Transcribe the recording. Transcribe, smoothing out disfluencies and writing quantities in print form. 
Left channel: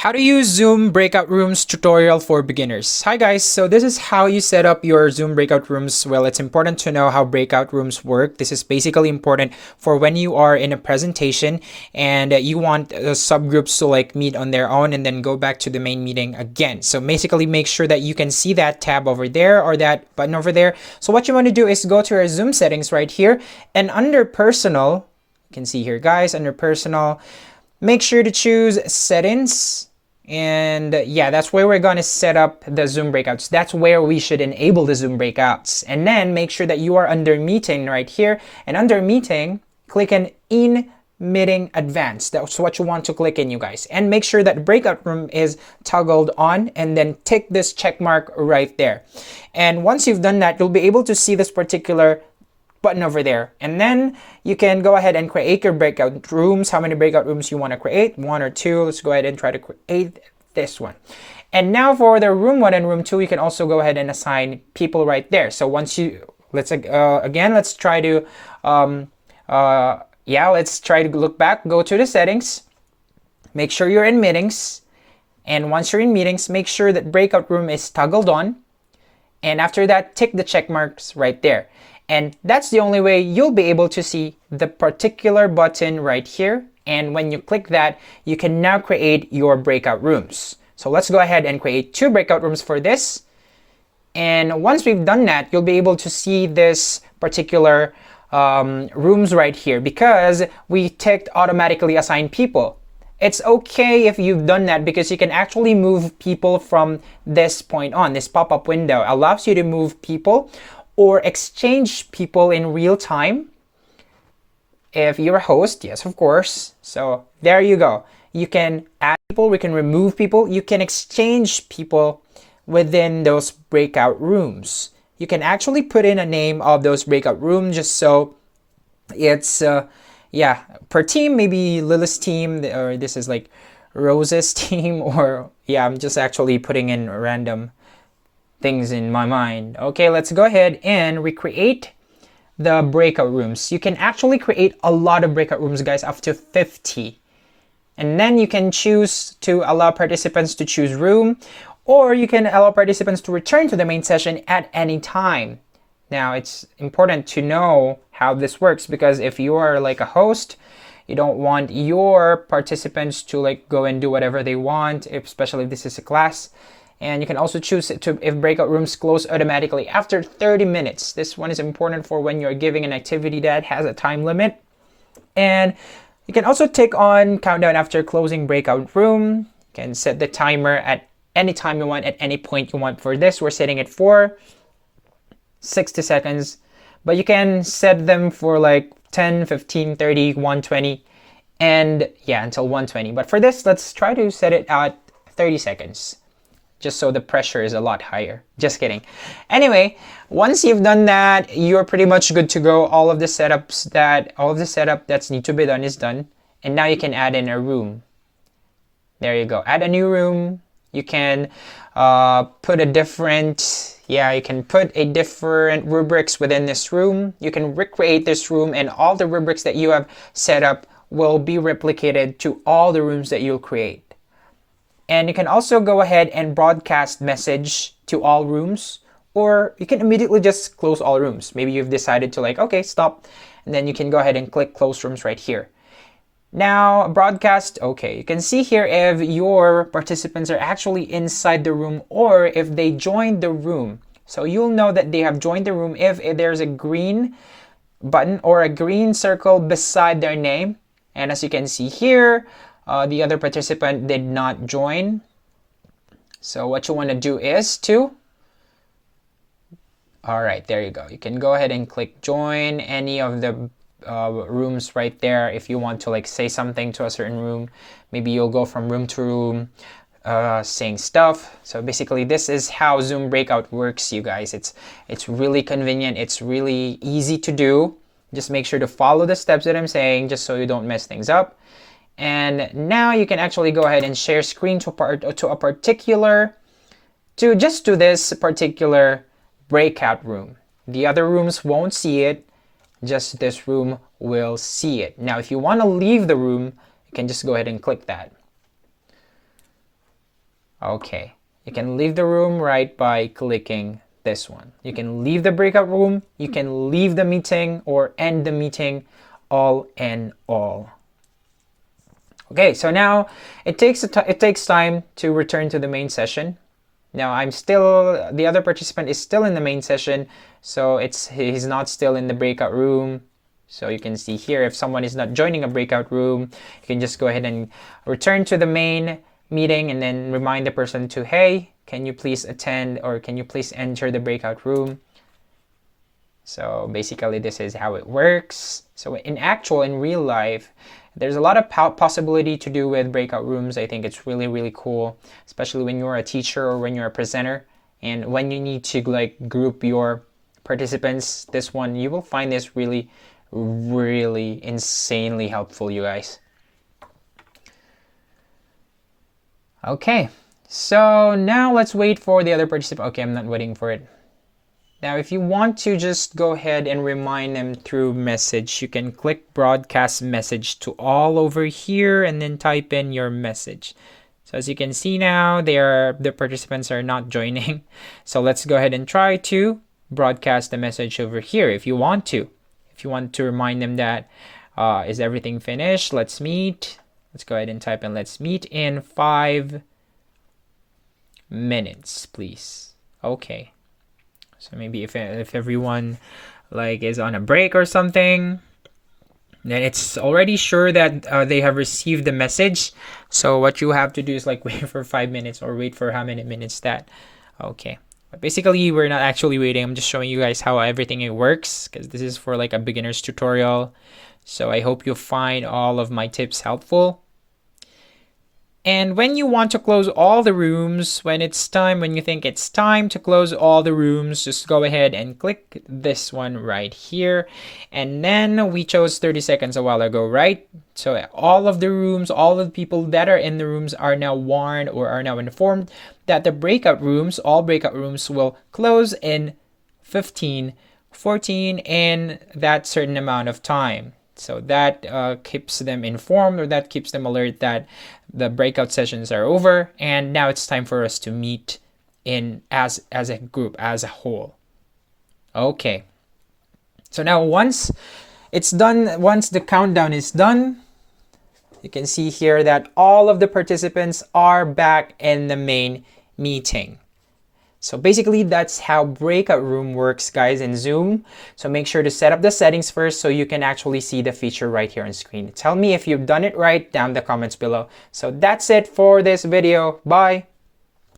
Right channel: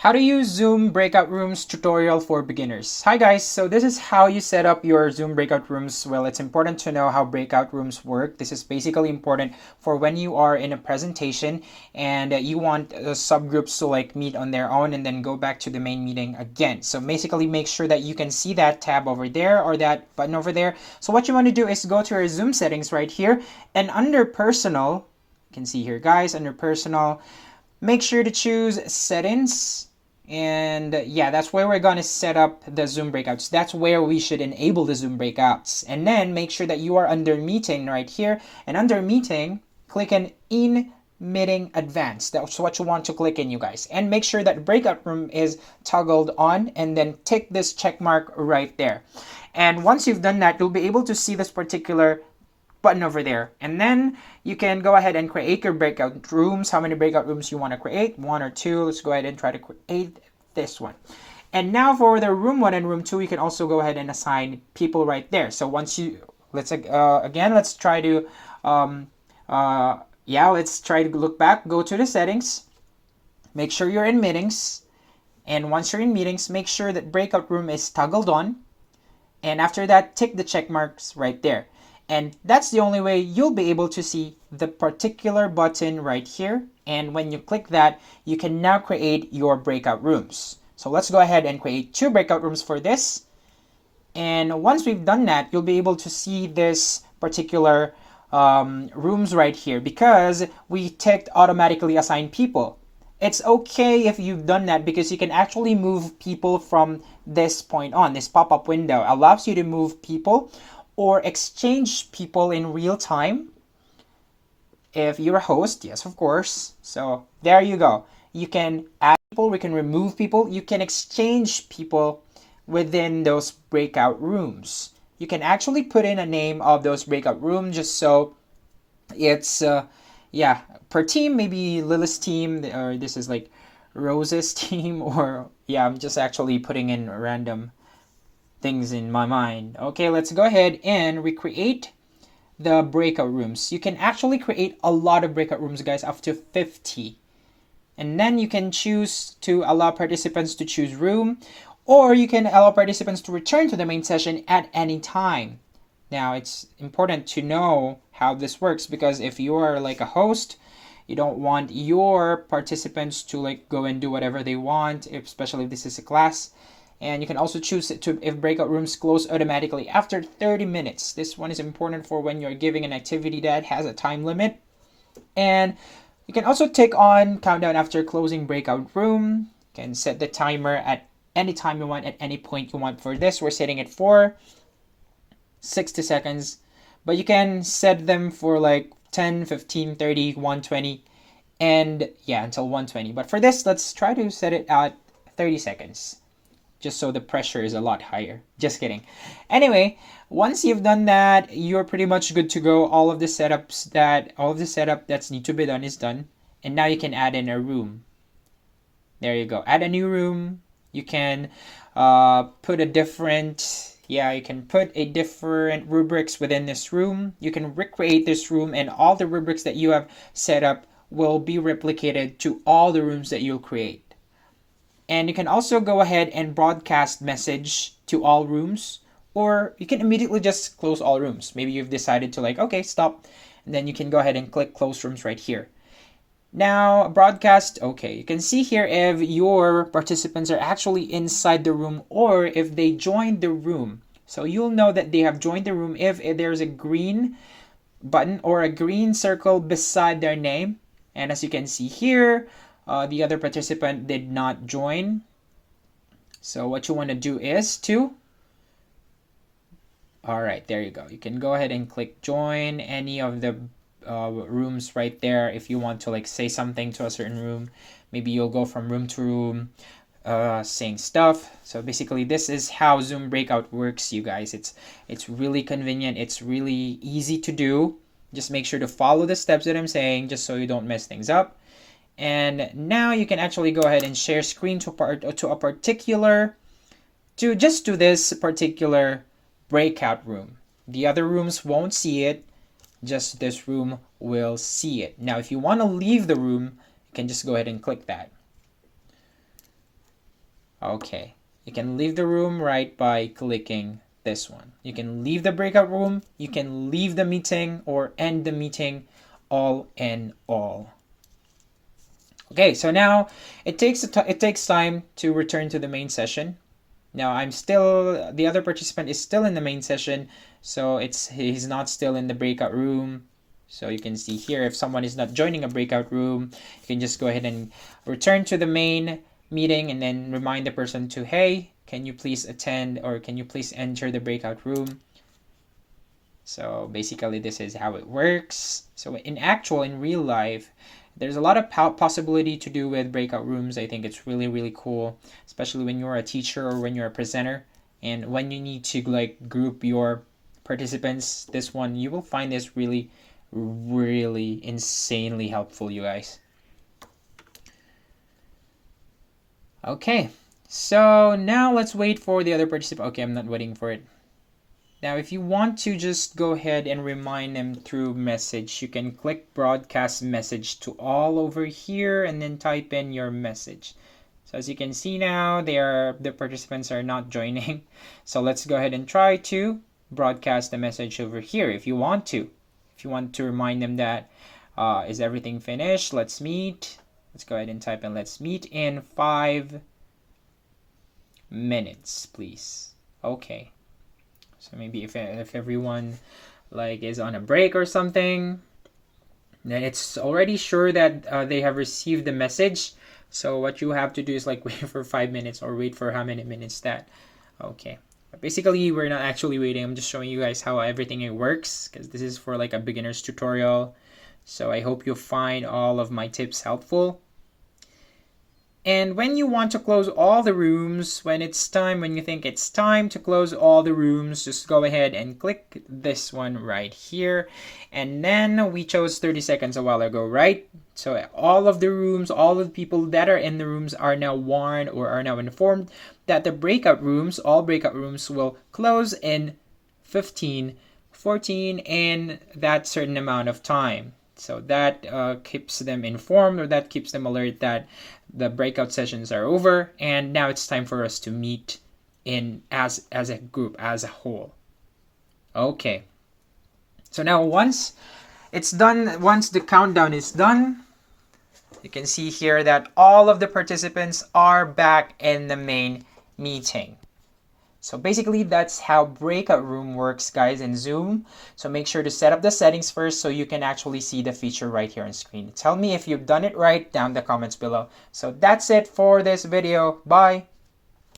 How to use Zoom breakout rooms tutorial for beginners. Hi guys, so this is how you set up your Zoom breakout rooms. Well, it's important to know how breakout rooms work. This is basically important for when you are in a presentation and you want subgroups to like meet on their own and then go back to the main meeting again. So basically make sure that you can see that tab over there or that button over there. So what you want to do is go to your Zoom settings right here, and under personal, you can see here guys, under personal, make sure to choose settings. And yeah, that's where we're going to set up the Zoom breakouts. That's where we should enable the Zoom breakouts. And then make sure that you are under meeting right here. And under meeting, click on in meeting advanced. That's what you want to click in, you guys. And make sure that breakout room is toggled on, and then tick this check mark right there. And once you've done that, you'll be able to see this particular button over there, and then you can go ahead and create your breakout rooms. How many breakout rooms you want to create, 1 or 2? Let's go ahead and try to create this one. And now for the room 1 and room 2, you can also go ahead and assign people right there. So once you let's try to let's try to look back, go to the settings, make sure you're in meetings, and once you're in meetings, make sure that breakout room is toggled on, and after that, tick the check marks right there. And that's the only way you'll be able to see the particular button right here. And when you click that, you can now create your breakout rooms. So let's go ahead and create 2 breakout rooms for this. And once we've done that, you'll be able to see this particular rooms right here, because we ticked automatically assign people. It's okay if you've done that, because you can actually move people from this point on. This pop-up window allows you to move people or exchange people in real time if you're a host. Yes, of course. So there you go. You can add people, we can remove people, you can exchange people within those breakout rooms. You can actually put in a name of those breakout rooms, just so it's per team, maybe Lily's team, or this is like Rose's team, or I'm just actually putting in random things in my mind. Okay, let's go ahead and recreate the breakout rooms. You can actually create a lot of breakout rooms, guys, up to 50. And then you can choose to allow participants to choose room, or you can allow participants to return to the main session at any time. Now, it's important to know how this works, because if you are like a host, you don't want your participants to like go and do whatever they want, especially if this is a class. And you can also choose to if breakout rooms close automatically after 30 minutes. This one is important for when you're giving an activity that has a time limit. And you can also tick on countdown after closing breakout room. You can set the timer at any time you want, at any point you want. For this, we're setting it for 60 seconds. But you can set them for like 10, 15, 30, 120, and until 120. But for this, let's try to set it at 30 seconds. Just so the pressure is a lot higher. Just kidding. Anyway, once you've done that, you're pretty much good to go. All of the setup that's need to be done is done. And now you can add in a room. There you go. Add a new room. You can put a different rubrics within this room. You can recreate this room, and all the rubrics that you have set up will be replicated to all the rooms that you'll create. And you can also go ahead and broadcast message to all rooms, or you can immediately just close all rooms. Maybe you've decided to like, okay, stop. And then you can go ahead and click close rooms right here. Now, broadcast, okay. You can see here if your participants are actually inside the room or if they joined the room. So you'll know that they have joined the room if there's a green button or a green circle beside their name. And as you can see here, the other participant did not join. So what you want to do is alright, there you go. You can go ahead and click join any of the rooms right there. If you want to like say something to a certain room, maybe you'll go from room to room saying stuff. So basically this is how Zoom Breakout works, you guys. It's really convenient. It's really easy to do. Just make sure to follow the steps that I'm saying, just so you don't mess things up. And now you can actually go ahead and share screen to this particular breakout room. The other rooms won't see it, just this room will see it. Now, if you want to leave the room, you can just go ahead and click that. Okay, you can leave the room right by clicking this one. You can leave the breakout room, you can leave the meeting or end the meeting, all in all. Okay, so now it takes time to return to the main session. Now the other participant is still in the main session, so he's not still in the breakout room. So you can see here, if someone is not joining a breakout room, you can just go ahead and return to the main meeting and then remind the person to, hey, can you please attend or can you please enter the breakout room? So basically this is how it works. So in real life, there's a lot of possibility to do with breakout rooms. I think it's really, really cool, especially when you're a teacher or when you're a presenter and when you need to like group your participants. This one, you will find this really, really insanely helpful, you guys. Okay, so now let's wait for the other participant. Okay, I'm not waiting for it. Now, if you want to just go ahead and remind them through message, you can click broadcast message to all over here and then type in your message. So as you can see now, the participants are not joining. So let's go ahead and try to broadcast the message over here if you want to. If you want to remind them that, is everything finished? Let's meet. Let's go ahead and type in let's meet in 5 minutes, please. Okay. So maybe if everyone like is on a break or something, then it's already sure that they have received the message. So what you have to do is like wait for 5 minutes or wait for how many minutes that. Okay. But basically, we're not actually waiting. I'm just showing you guys how everything works because this is for like a beginner's tutorial. So I hope you find all of my tips helpful. And when you want to close all the rooms, when you think it's time to close all the rooms, just go ahead and click this one right here. And then we chose 30 seconds a while ago, right? So all of the rooms, all of the people that are in the rooms are now warned or are now informed that the breakout rooms, all breakout rooms will close in 15, 14, in that certain amount of time. So that keeps them informed, or that keeps them alert that the breakout sessions are over and now it's time for us to meet in as a group, as a whole. Okay. So now once it's done, once the countdown is done, you can see here that all of the participants are back in the main meeting. So basically, that's how breakout room works, guys, in Zoom. So make sure to set up the settings first so you can actually see the feature right here on screen. Tell me if you've done it right down in the comments below. So that's it for this video. Bye.